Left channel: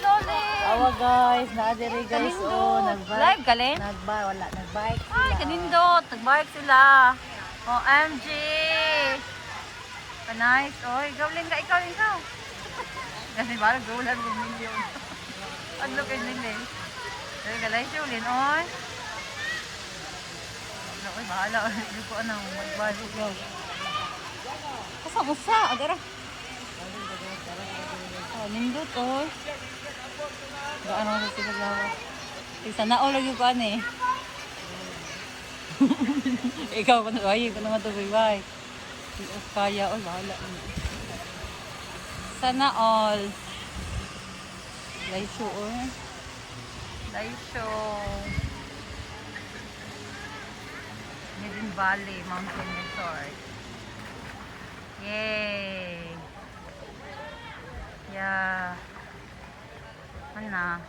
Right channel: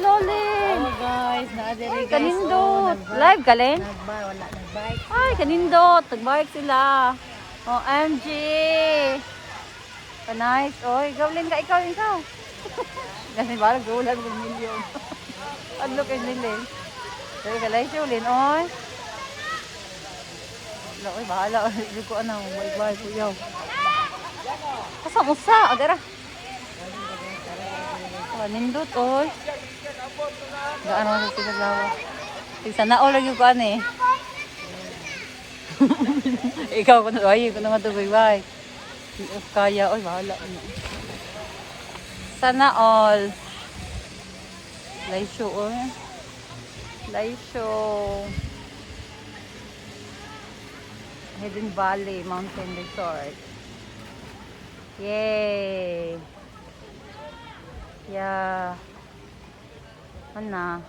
Loli. Awa guys, naadiri guys. Oh, Live galin? Wala, nagbike. Ay, kanindot. Nagbike sila. OMG. Nice. Oy, gawlin ka ikaw. Kasi parang gulan ng milyon. Ano kay nilin? Pero kalay siya ulin. Oy. Oy, bahala. Hindi ko anong. Bye-bye. Yun. Kasang usa. Adara. Nindot. Oy. Gaano sa sila lawa. Sana all lagi ko ani. Ikaw ko na. Ay, ko naman ito. Bye-bye. Kaya. Oy, bahala. Sana all. Laisyo, oh. Laisyo. Hidden Valley Mountain Resort. Yay! Yeah. Mana?